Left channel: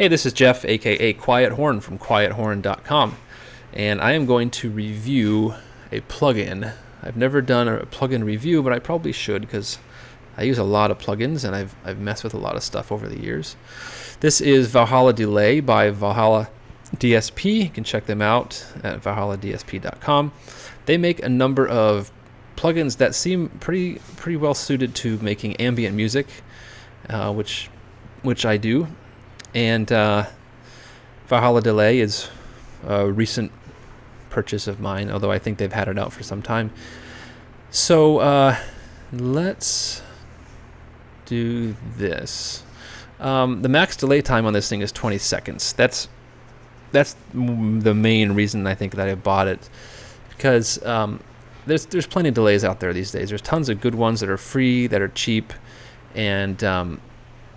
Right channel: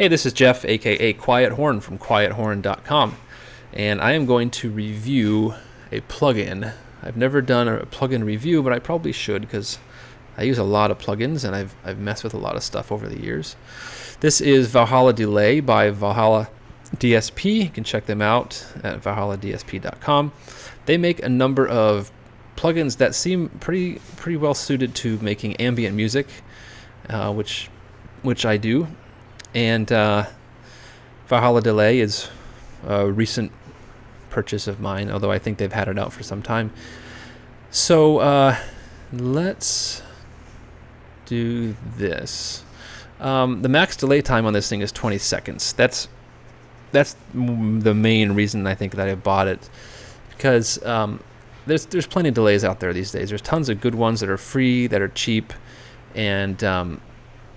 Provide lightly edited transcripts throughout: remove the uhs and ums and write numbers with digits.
Hey, this is Jeff, aka Quiet Horn from quiethorn.com, and I am going to review a plugin. I've never done a plugin review, but I probably should because I use a lot of plugins and I've messed with a lot of stuff over the years. This is Valhalla Delay by Valhalla DSP. You can check them out at valhalladsp.com. They make a number of plugins that seem pretty well suited to making ambient music, which I do. And Valhalla Delay is a recent purchase of mine, although I think they've had it out for some time. So let's do this. The max delay time on this thing is 20 seconds. That's the main reason I think that I bought it, because there's plenty of delays out there these days. There's tons of good ones that are free, that are cheap, and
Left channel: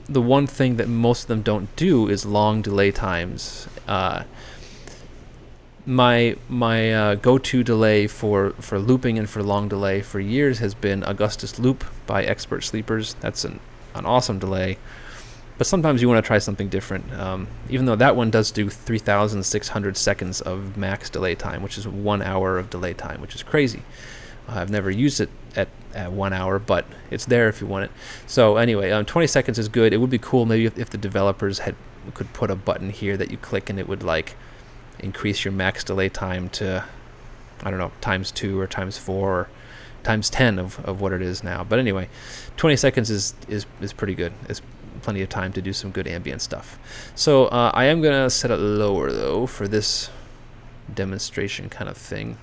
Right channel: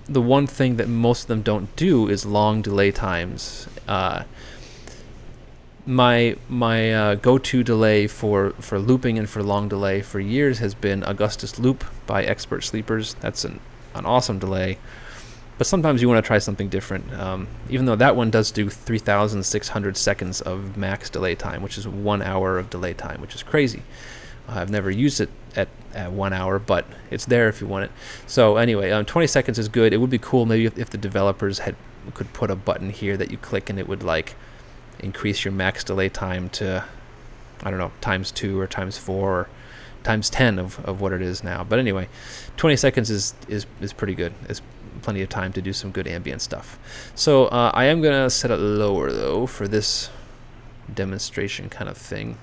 the one thing that most of them don't do is long delay times. My go-to delay for looping and for long delay for years has been Augustus Loop by Expert Sleepers. That's an awesome delay, but sometimes you want to try something different. Even though that one does do 3,600 seconds of max delay time, which is 1 hour of delay time, which is crazy. I've never used it at 1 hour, but it's there if you want it. So anyway, 20 seconds is good. It would be cool maybe if the developers could put a button here that you click and it would like increase your max delay time to, I don't know, ×2 or ×4 or ×10 of what it is now. But anyway, 20 seconds is pretty good. It's plenty of time to do some good ambient stuff. So I am going to set it lower though for this demonstration kind of thing.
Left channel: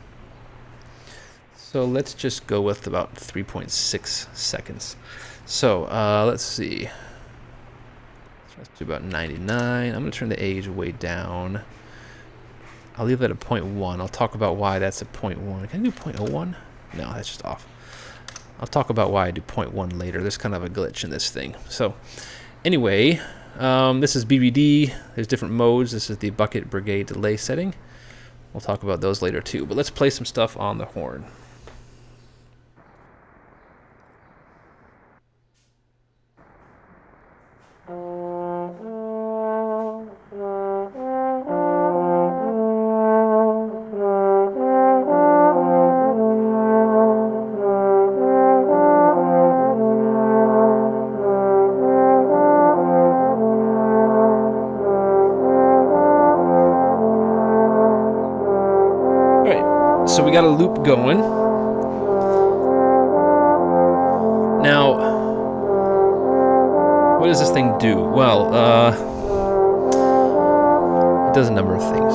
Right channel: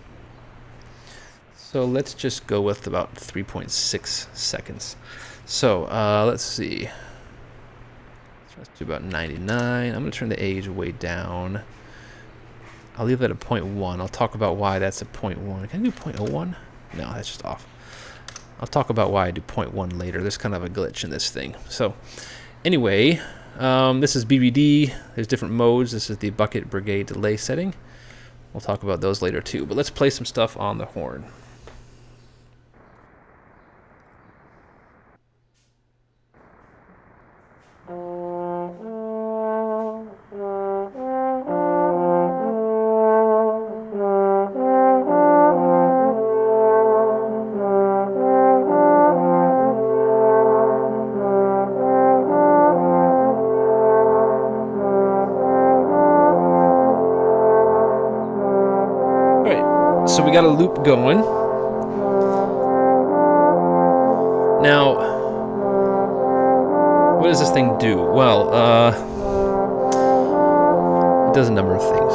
So let's just go with about 3.6 seconds. So let's see. Let's do about 99. I'm going to turn the age way down. I'll leave that at 0.1. I'll talk about why that's at 0.1. Can I do 0.01? No, that's just off. I'll talk about why I do 0.1 later. There's kind of a glitch in this thing. So anyway, this is BBD. There's different modes. This is the bucket brigade delay setting. We'll talk about those later too. But let's play some stuff on the horn. So we got a loop going. Now, what does this thing do? Well, it does a number of things.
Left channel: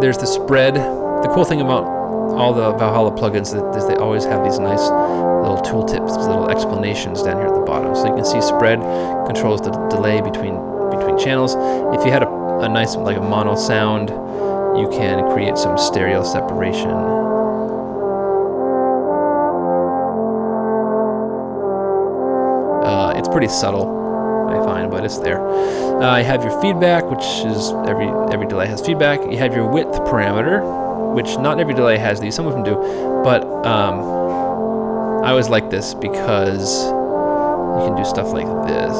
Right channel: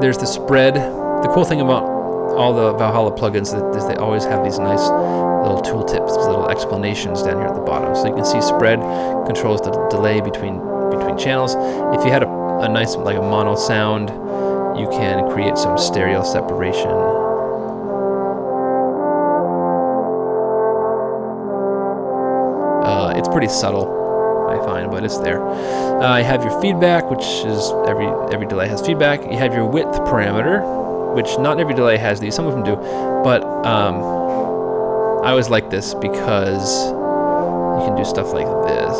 There's the spread. The cool thing about all the Valhalla plugins is they always have these nice little tooltips, these little explanations down here at the bottom. So you can see spread controls the delay between channels. If you had a nice, like a mono sound, you can create some stereo separation. It's pretty subtle, I find, but it's there. You have your feedback, which is every delay has feedback. You have your width parameter, which not every delay has these. Some of them do, but I always like this because you can do stuff like this.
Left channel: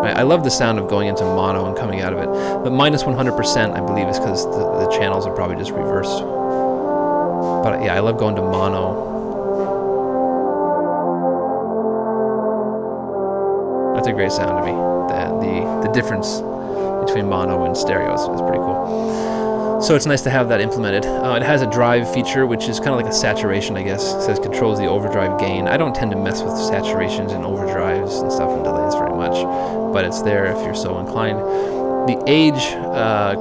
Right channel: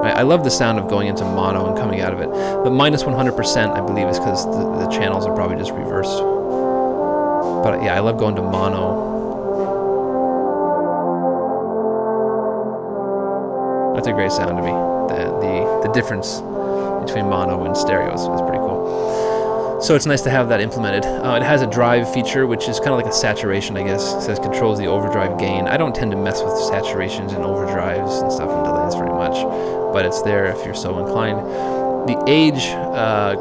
I love the sound of going into mono and coming out of it. But minus 100%, I believe, is because the channels are probably just reversed. But yeah, I love going to mono. That's a great sound to me. The difference between mono and stereo is pretty cool. So it's nice to have that implemented. It has a drive feature, which is kind of like a saturation, I guess. It says controls the overdrive gain. I don't tend to mess with saturations and overdrives and stuff and delays very much, but it's there if you're so inclined. The age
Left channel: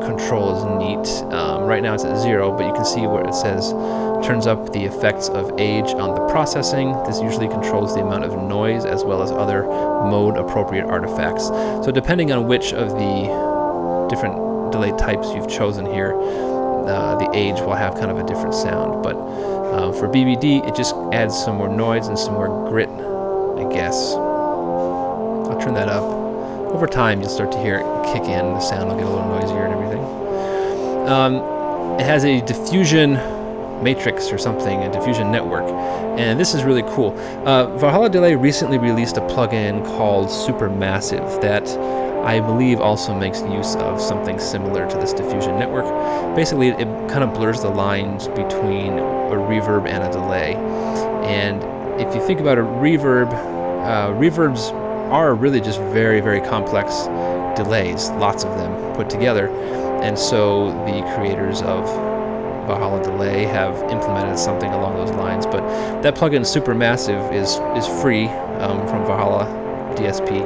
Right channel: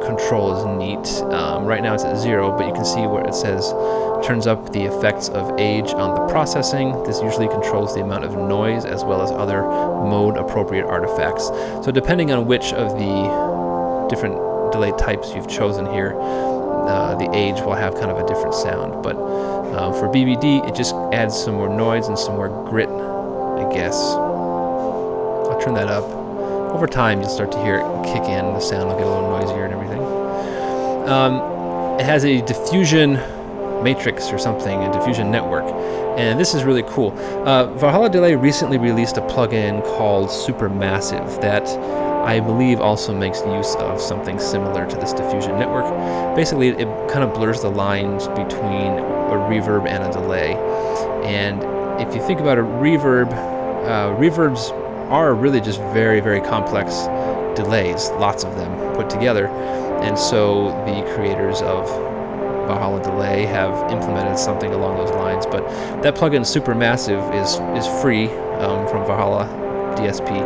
control is neat. Right now it's at 0, but you can see where it says turns up the effects of age on the processing. This usually controls the amount of noise as well as other mode appropriate artifacts. So depending on which of the different delay types you've chosen here, the age will have kind of a different sound. But for BBD, it just adds some more noise and some more grit, I guess. I'll turn that up. Over time, you'll start to hear it kick in. The sound will get a little noisier and everything. It has a diffusion matrix or something, a diffusion network. And this is really cool. Valhalla Delay recently released a plugin called Supermassive that I believe also makes use of something similar to this diffusion network. Basically, it kind of blurs the lines between a reverb and a delay. And if you think about a reverb, reverbs are really just very, very complex delays, lots of them put together. And so the creators of Valhalla Delay have implemented something along those lines. But that plugin Supermassive is free from Valhalla DSP.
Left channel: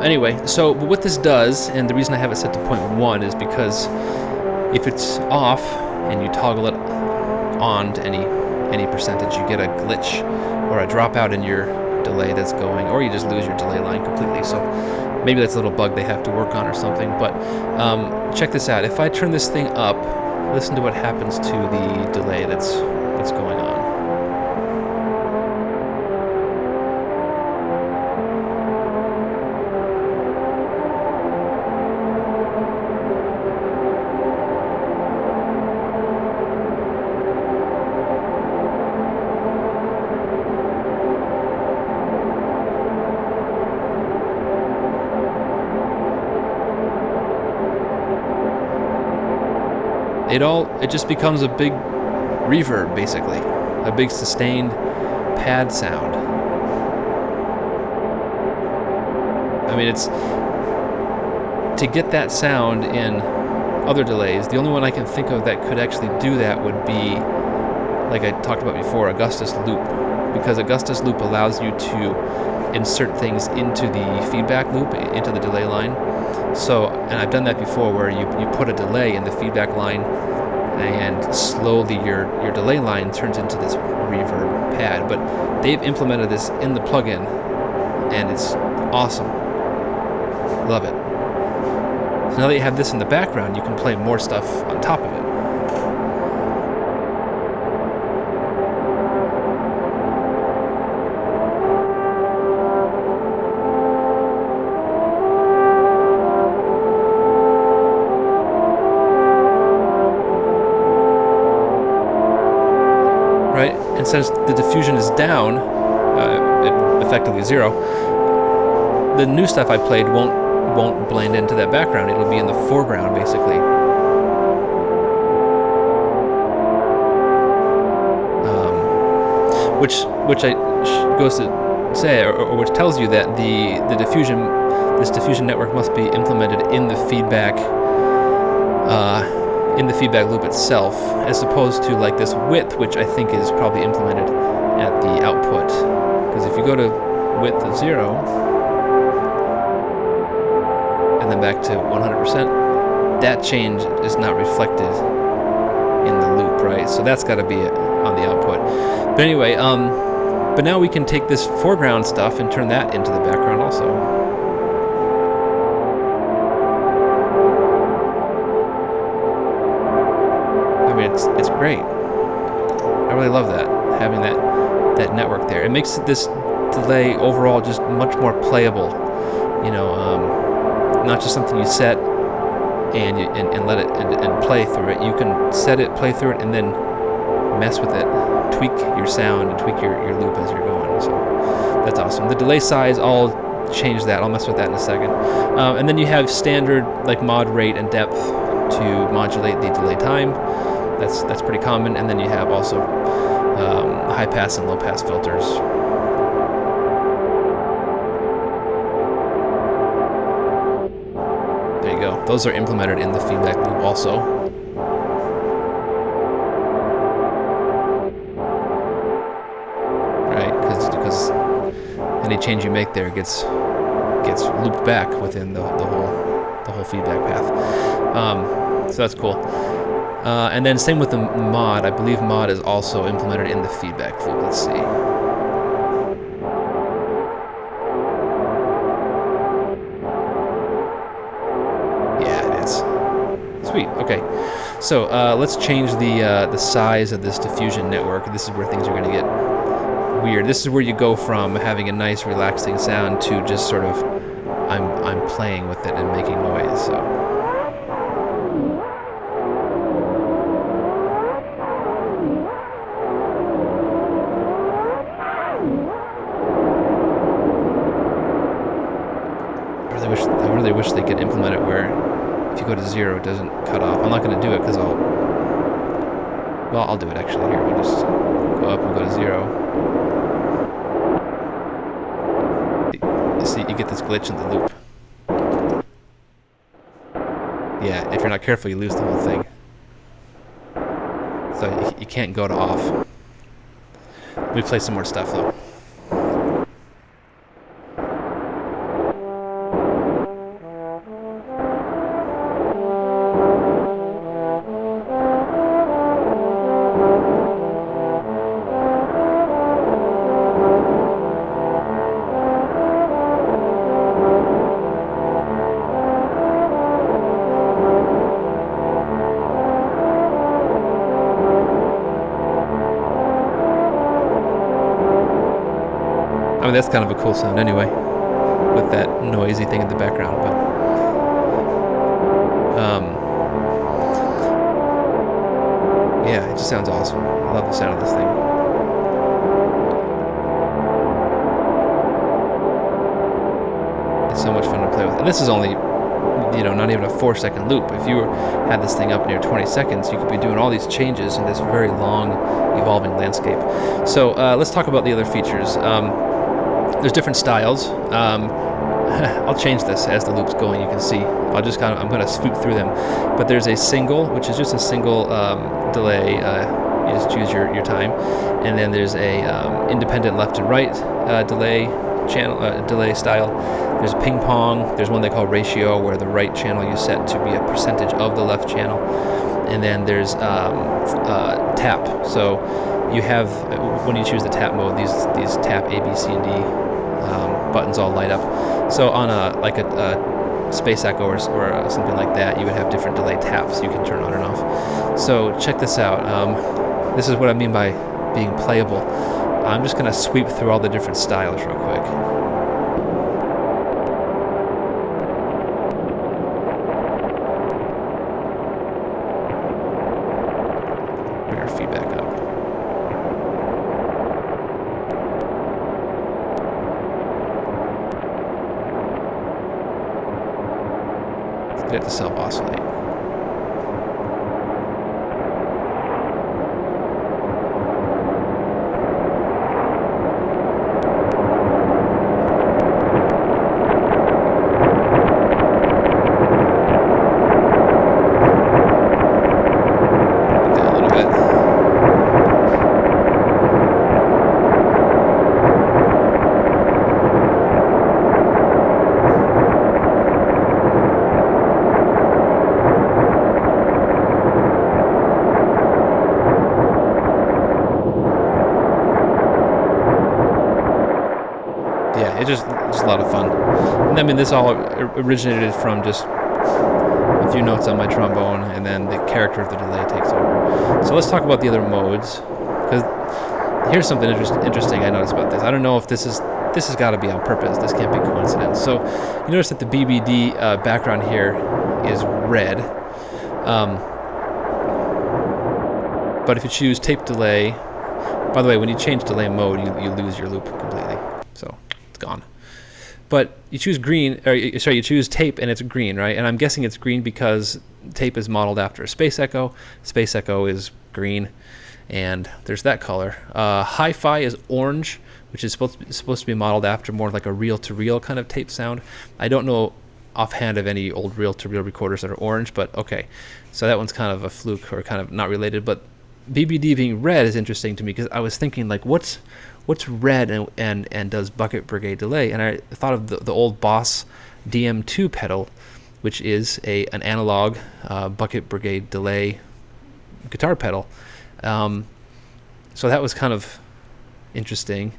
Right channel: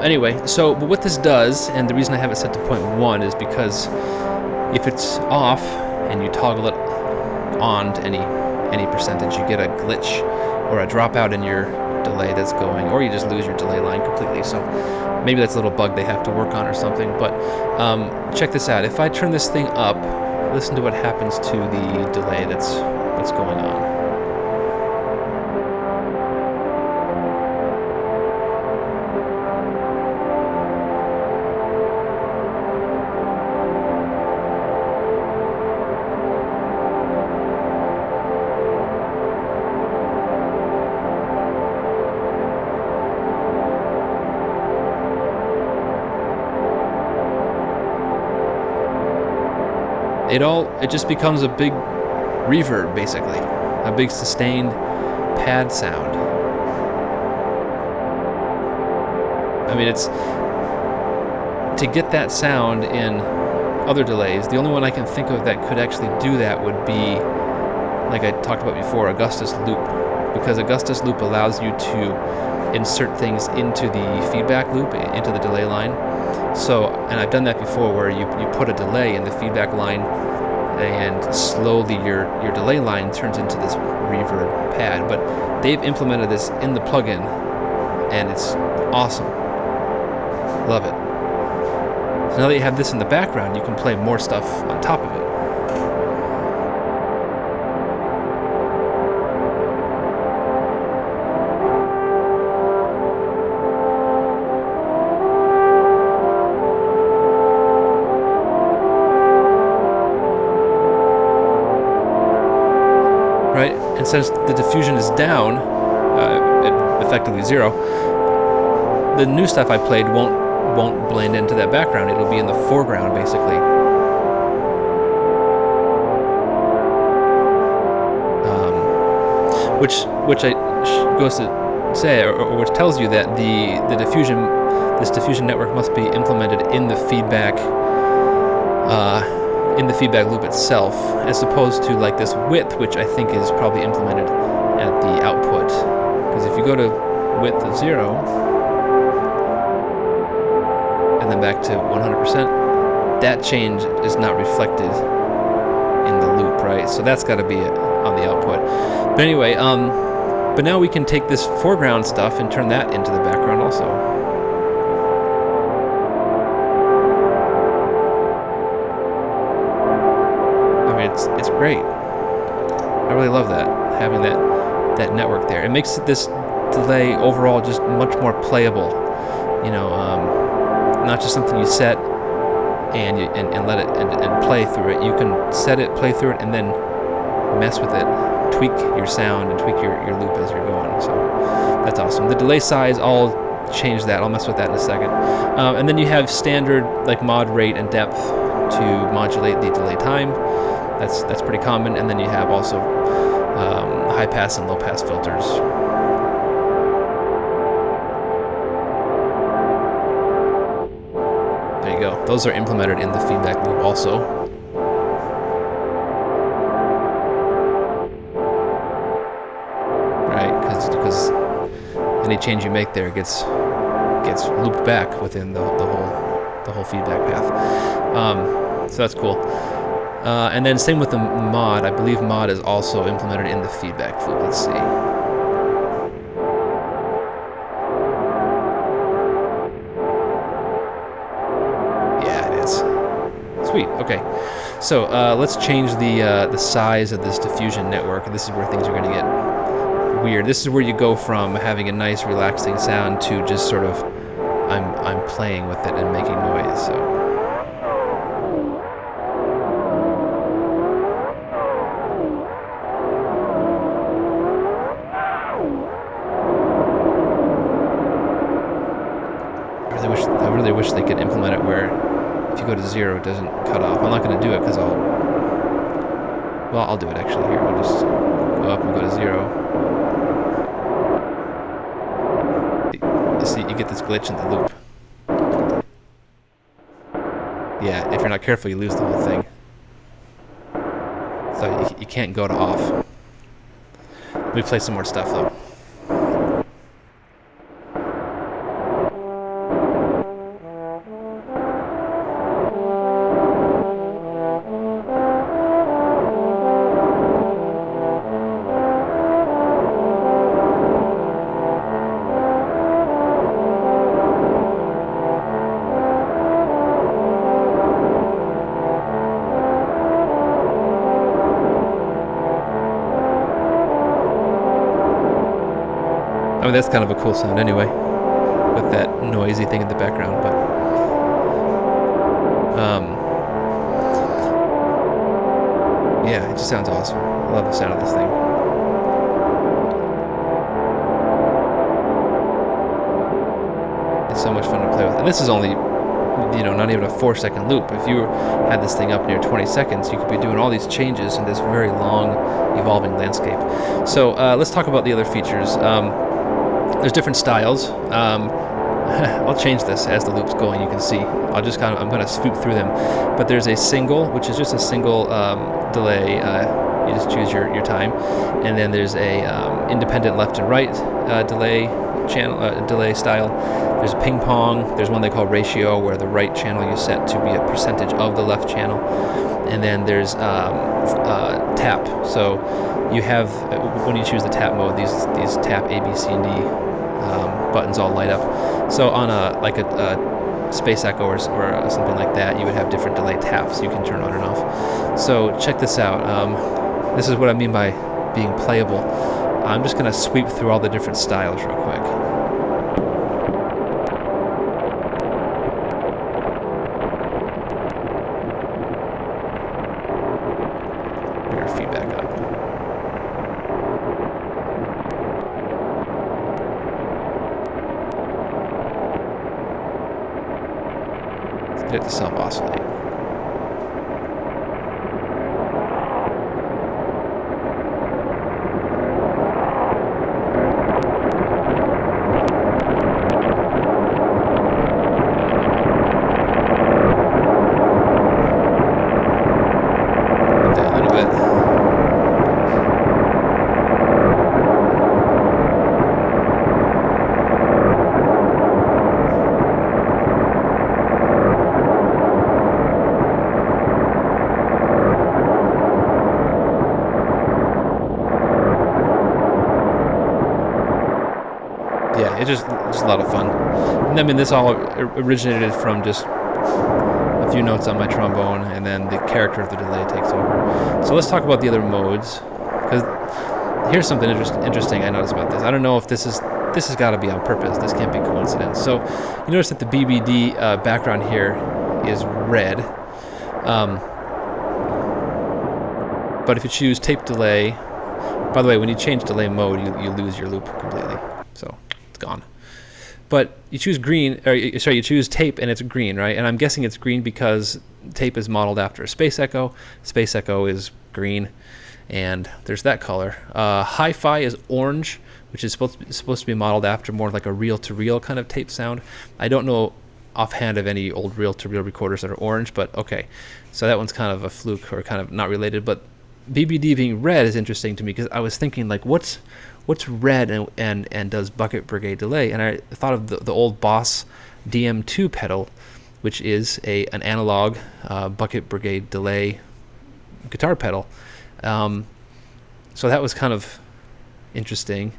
Anyway, but what this does, and the reason I have it set to 0.1 is because if it's off and you toggle it on to any percentage, you get a glitch or a dropout in your delay that's going, or you just lose your delay line completely. So maybe that's a little bug they have to work on or something. But check this out. If I turn this thing up, listen to what happens to the delay that's going on. It just becomes a big reverb, basically, a big sustained pad sound. I mean, it's to get that sound in other delays. The only one I can think of that could actually do that would be, like I talked about before, Augustus Loop, because Augustus Loop allows you to insert things into the feedback loop, into the delay line. So, and I've done that before, where you put a delay in the feedback line, and slowly your delay line turns into this reverb pad. But they've implemented this in the plugin, and it's awesome. Love it. So now that you have this in the background, you can play more stuff on top of it. Right, and since the diffusion is down, effectively 0, the new stuff I played won't blend into that background. It'll be in the foreground, basically. Which goes to say, or which tells you that this diffusion network must be implemented in the feedback. In the feedback loop itself, as opposed to like this width, which I think is probably implemented at the output. Because if you go to width of 0 and then back to 100%, that change is not reflected in the loop, right? So that's got to be on the output. But anyway, but now we can take this foreground stuff and turn that into the background also. I mean, it's great. I really love that, having that network there. It makes this delay overall just much more playable. You know, not just something you set and let it and play through it. You can set it, play through it, and then mess with it, tweak your sound and tweak your loop as you're going. So that's awesome. The delay size, I'll change that. I'll mess with that in a second. And then you have standard like mod rate and depth to modulate the delay time. That's pretty common. And then you have also high pass and low pass filters. There you go. Those are implemented in the feedback loop also. Right, because any change you make there gets looped back within the whole feedback path. So that's cool. And then same with the mod. I believe mod is also implemented in the feedback loop. Let's see. Yeah, it is. Sweet. Okay. So let's change the size of this diffusion network. This is where things are going to get weird. This is where you go from having a nice, relaxing sound to just sort of I'm playing with it and making noise. So. really wish they could implement it where if you go to 0, it doesn't cut off. I'm not going to do it because I'll do it actually here. We'll just go up and go to 0. You see, you get this glitch in the loop. Yeah, if you're not careful, you lose the whole thing. So you can't go to off. Let me play some more stuff though. I mean, that's kind of a cool sound anyway, with that noisy thing in the background, but yeah, it just sounds awesome. I love the sound of this thing. It's so much fun to play with. And this is only, not even a 4-second loop. If you had this thing up near 20 seconds, you could be doing all these changes in this very long, evolving landscape. So let's talk about the other features. There's different styles. I'll change this as the loop's going. You can see. I'm going to swoop through them. But there's a single, which is just a single delay. You just choose your time, and then there's a independent left and right delay delay style. There's ping pong. There's one they call ratio, where the right channel you set to be a percentage of the left channel, and then there's tap. So you have, when you choose the tap mode, these tap A, B, C, and D buttons all light up. So on a Space Echo or something like that, you would have different delay taps you can turn on and off. So check this out. This is what I mean by being playable. I'm just going to sweep through all the different styles real quick. Bring our feedback up. Let's get it to self-oscillate. Yeah, it's just a lot of fun. And I mean, this all originated from just a few notes on my trombone, and then the character of the delay takes over. So let's talk about the other modes, because here's something interesting I noticed about this. I don't know if this has got to be on purpose. This can't be coincidence. So you notice that the BBD background here is red, but if you choose tape delay, by the way, when you change delay mode, you lose your loop completely. So it's gone. But you choose green, you choose tape, and it's green, right? And I'm guessing it's green because tape is modeled after a Space Echo. Space Echo is green, and there's that color. Hi-Fi is orange, which is supposed to be modeled after more like a reel-to-reel kind of tape sound. I don't know offhand of any old reel-to-reel recorders that are orange, but okay. So that one's kind of a fluke, or kind of not related. But BBD being red is interesting to me, because I was thinking, like, what's red and does Bucket Brigade delay? And I thought of the old Boss DM2 pedal, which is an analog Bucket Brigade delay guitar pedal. So that was kind of interesting.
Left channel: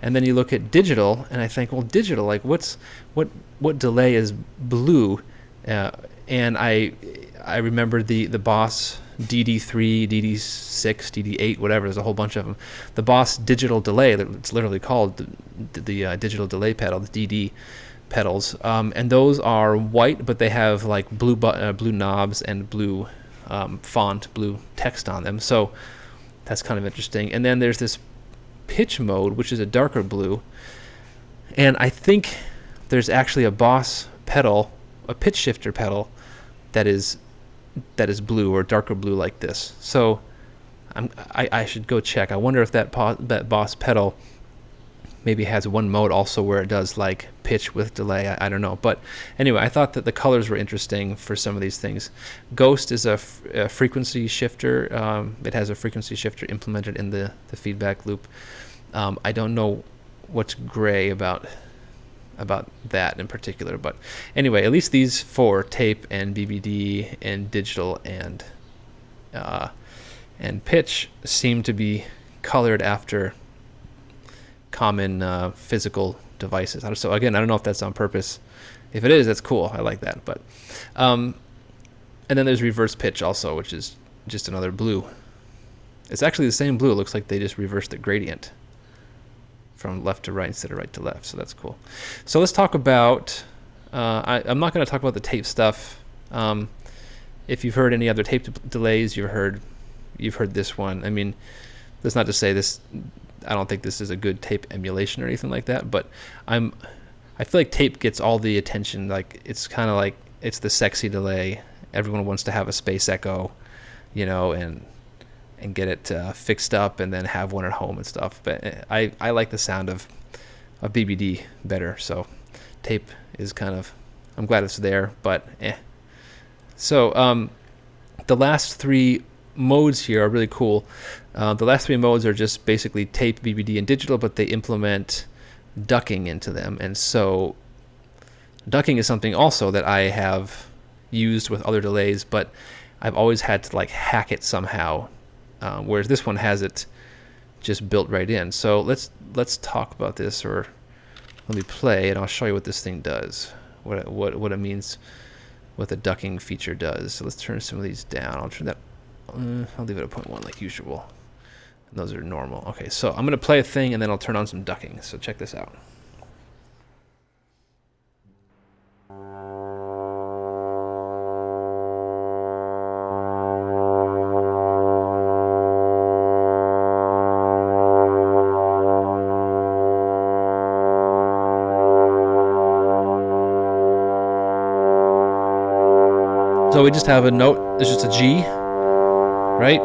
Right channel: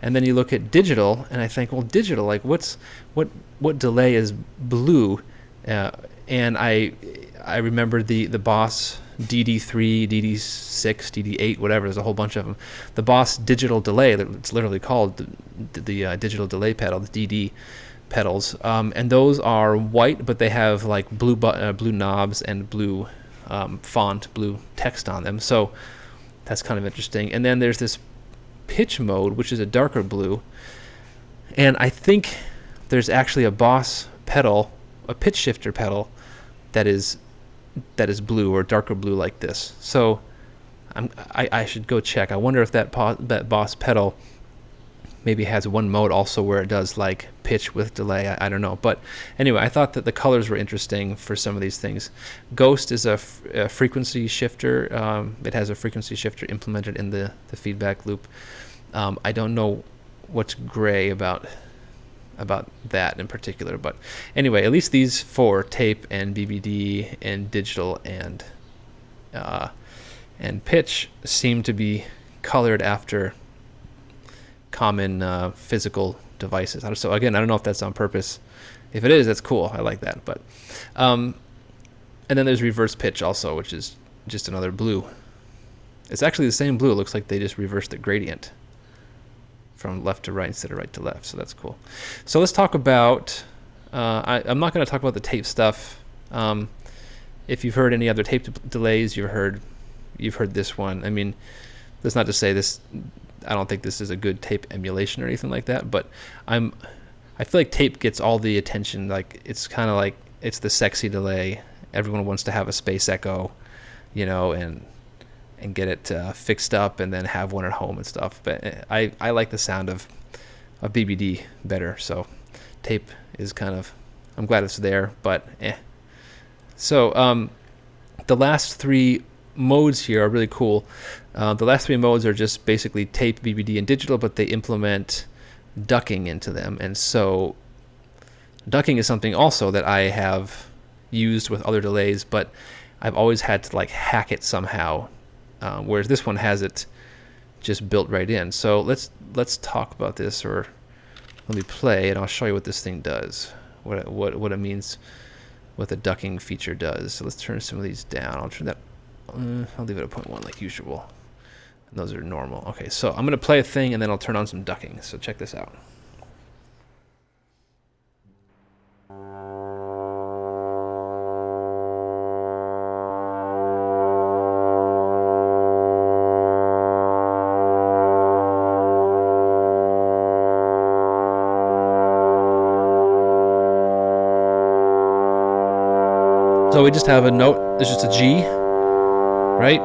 And then you look at digital, and I think, well, digital, like what delay is blue? And I remember the Boss DD3, DD6, DD8, whatever. There's a whole bunch of them. The Boss digital delay, it's literally called the digital delay pedal, the DD pedals, and those are white, but they have like blue knobs and blue font, blue text on them. So that's kind of interesting. And then there's this pitch mode, which is a darker blue, and I think there's actually a Boss pedal, a pitch shifter pedal, that is blue or darker blue like this. So I should go check. I wonder if that Boss pedal maybe has one mode also where it does like pitch with delay. I don't know. But anyway, I thought that the colors were interesting for some of these things. Ghost is a frequency shifter. It has a frequency shifter implemented in the feedback loop. I don't know what's gray about that in particular, but anyway, at least these four, tape and BBD and digital and pitch, seem to be colored after common physical devices. So again, I don't know if that's on purpose. If it is, that's cool. I like that. But and then there's reverse pitch also, which is just another blue. It's actually the same blue. It looks like they just reversed the gradient from left to right instead of right to left. So that's cool. So let's talk about, I'm not going to talk about the tape stuff. If you've heard any other tape delays, you've heard this one. I mean, that's not to say this, I don't think this is a good tape emulation or anything like that, but I feel like tape gets all the attention. Like, it's kind of like, it's the sexy delay. Everyone wants to have a space echo, you know, and get it fixed up and then have one at home and stuff. But I like the sound of BBD better, so tape is kind of, I'm glad it's there, but eh. So the last three modes here are really cool. The last three modes are just basically tape, BBD, and digital, but they implement ducking into them. And so ducking is something also that I have used with other delays, but I've always had to like hack it somehow, whereas this one has it just built right in. So let's talk about this, or let me play and I'll show you what this thing does, what it means, what the ducking feature does. So let's turn some of these down. I'll turn that, I'll leave it at 0.1 like usual. And those are normal. Okay, so I'm going to play a thing and then I'll turn on some ducking. So check this out. So we just have a note, there's just a G, right?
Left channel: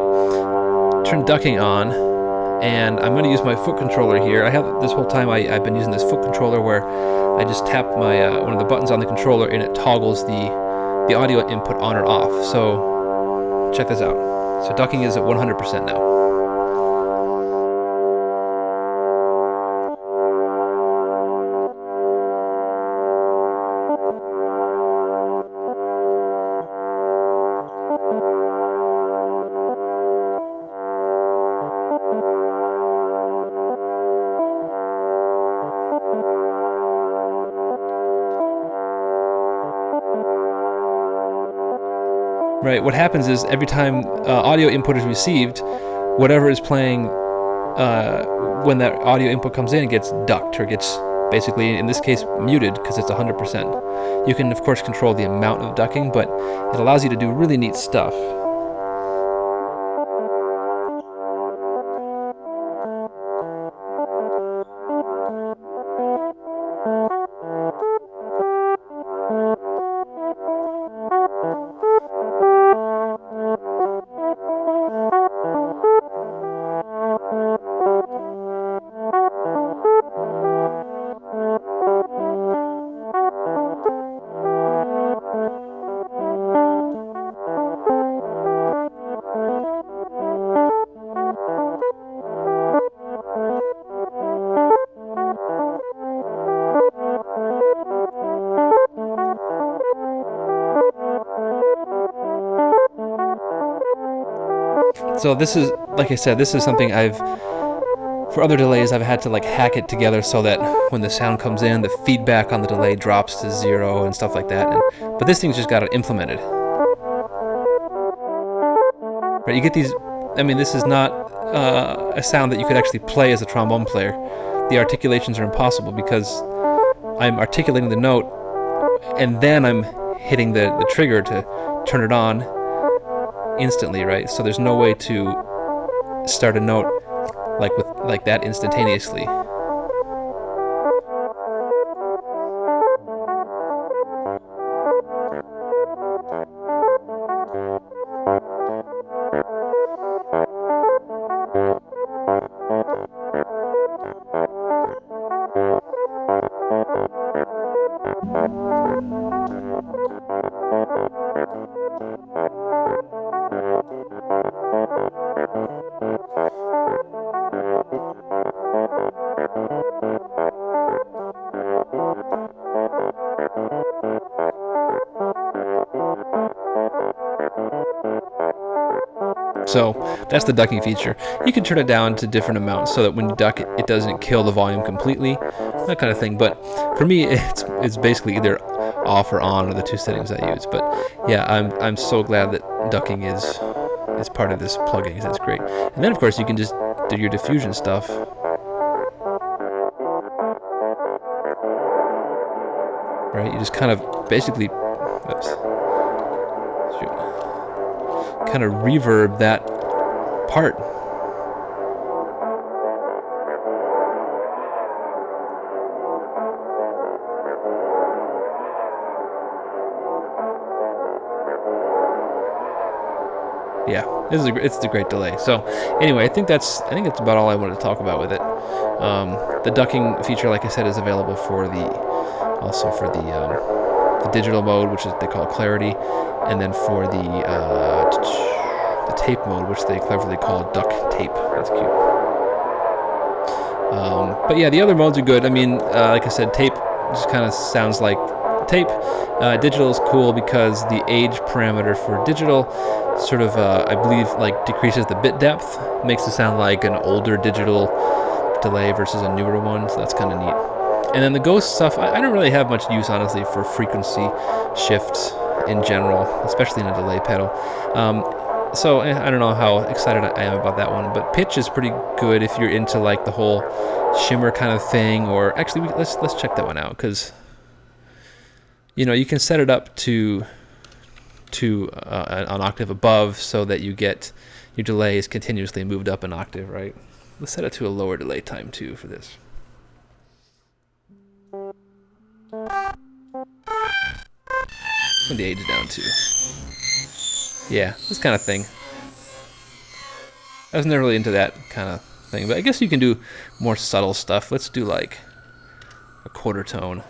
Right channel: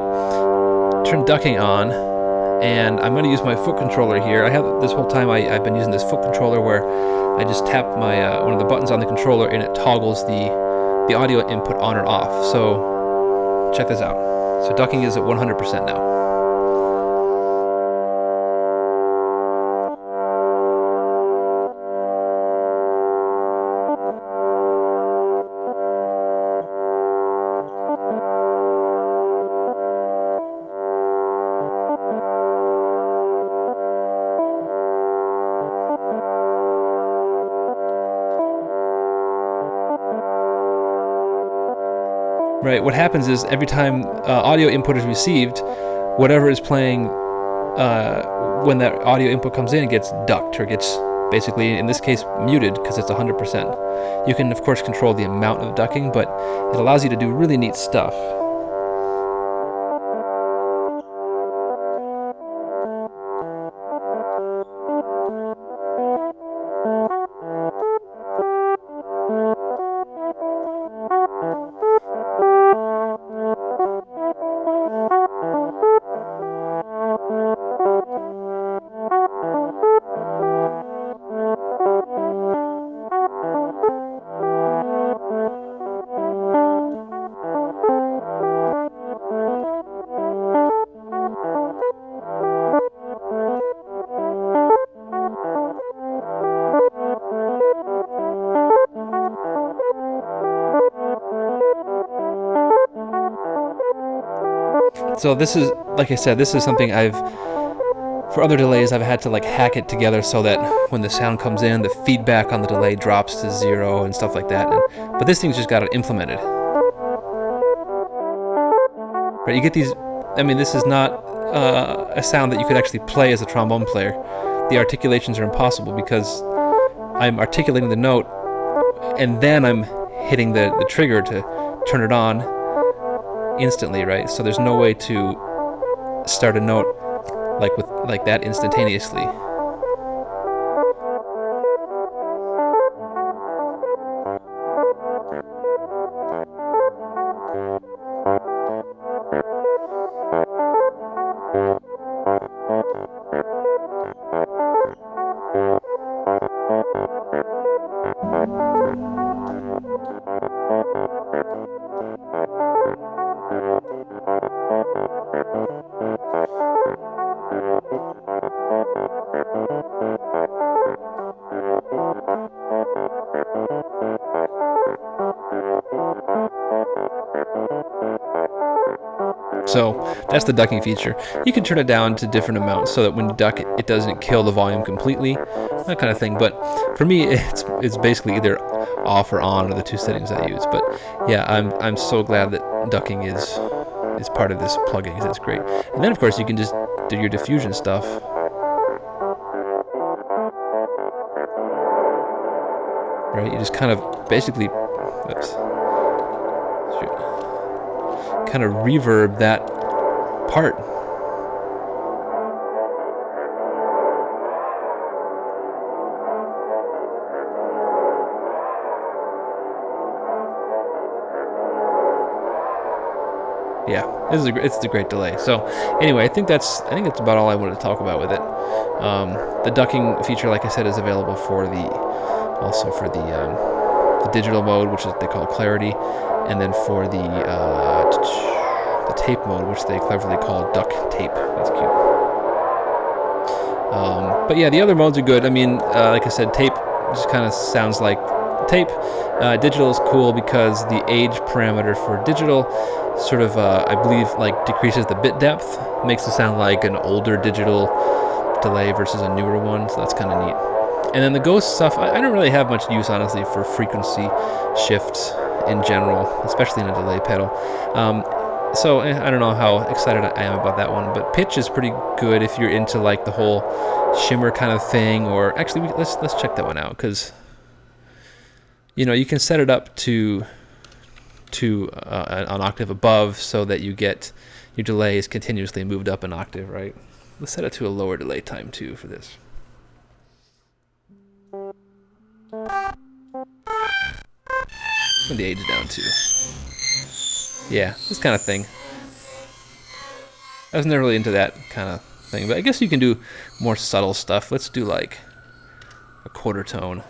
Turn ducking on, and I'm going to use my foot controller here. I have this whole time I've been using this foot controller where I just tap my one of the buttons on the controller and it toggles the audio input on or off. So check this out. So ducking is at 100% now. Right, what happens is every time audio input is received, whatever is playing when that audio input comes in gets ducked, or gets basically, in this case, muted, because it's 100%. You can, of course, control the amount of ducking, but it allows you to do really neat stuff. So this is, like I said, this is something for other delays, I've had to like hack it together so that when the sound comes in, the feedback on the delay drops to 0 and stuff like that. But this thing's just got it implemented. Right, you get these, I mean, this is not a sound that you could actually play as a trombone player. The articulations are impossible because I'm articulating the note and then I'm hitting the trigger to turn it on instantly, right? So there's no way to start a note like that instantaneously. So that's the ducking feature. You can turn it down to different amounts so that when you duck it, it doesn't kill the volume completely, that kind of thing. But for me, it's basically either off or on are the two settings I use. But yeah, I'm so glad that ducking is part of this plugin because it's great. And then of course you can just do your diffusion stuff. Right, you just kind of basically, kind of reverb that part. Yeah, it's a great delay. So anyway, I think that's about all I wanted to talk about with it. The ducking feature, like I said, is available for the digital mode, which is they call clarity, and then for the tape mode, which they cleverly call duck tape. That's cute. But yeah, the other modes are good. I mean, like I said, tape just kind of sounds like tape. Digital is cool because the age parameter for digital sort of, I believe, like decreases the bit depth, makes it sound like an older digital delay versus a newer one. So that's kind of neat. And then the ghost stuff, I don't really have much use, honestly, for frequency shifts in general, especially in a delay pedal. So I don't know how excited I am about that one, but pitch is pretty good if you're into like the whole shimmer kind of thing. Or actually, let's check that one out, because you can set it up to an octave above so that you get your delay is continuously moved up an octave, right? Let's set it to a lower delay time too for this. Put the age down too. Yeah, this kind of thing. I was never really into that kind of thing, but I guess you can do more subtle stuff. Let's do like a quarter tone.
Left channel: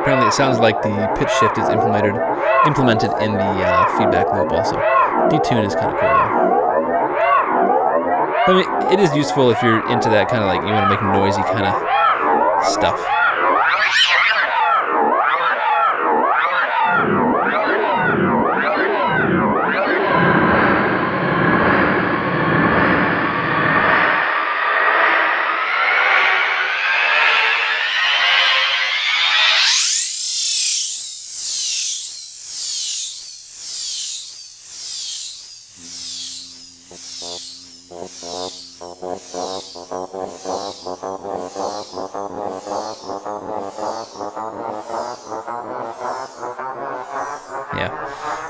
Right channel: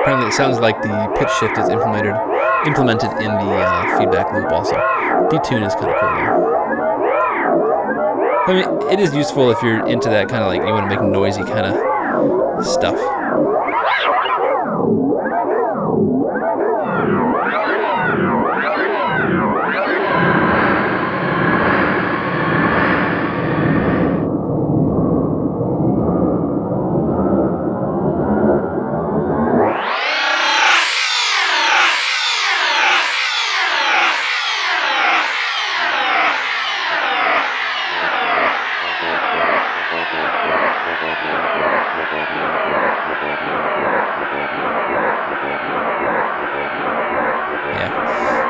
Apparently it sounds like the pitch shift is implemented in the feedback loop also. Detune is kind of cool though. I mean, it is useful if you're into that kind of like, you want to make noisy kind of stuff.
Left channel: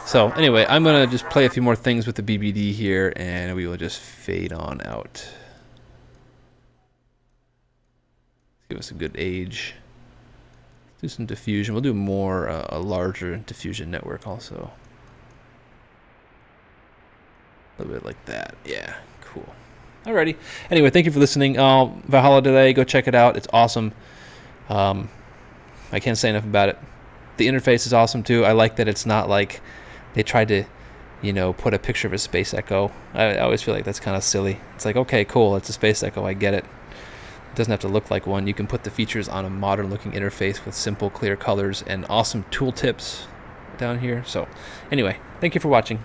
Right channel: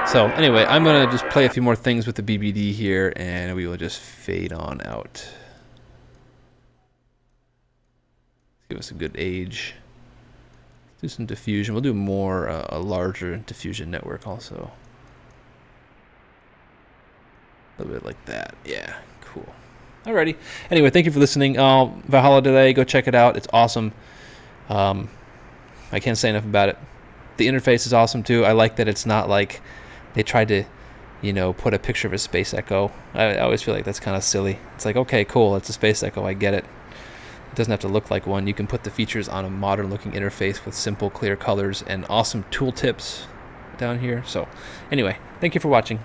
So anyway, I'm going to just play a few more things with the BBD here, and we will just fade on out. Give us a good age. Do some diffusion. We'll do more, a larger diffusion network also. A little bit like that. Yeah, cool. Alrighty. Anyway, thank you for listening. Valhalla Delay, go check it out. It's awesome. I can't say enough about it. The interface is awesome too. I like that it's not like they tried to, put a picture of a Space Echo. I always feel like that's kind of silly. It's like, okay, cool, it's a Space Echo, I get it. It doesn't have to look like one. You can put the features on a modern-looking interface with simple, clear colors and awesome tooltips down here. So, anyway, thank you for watching.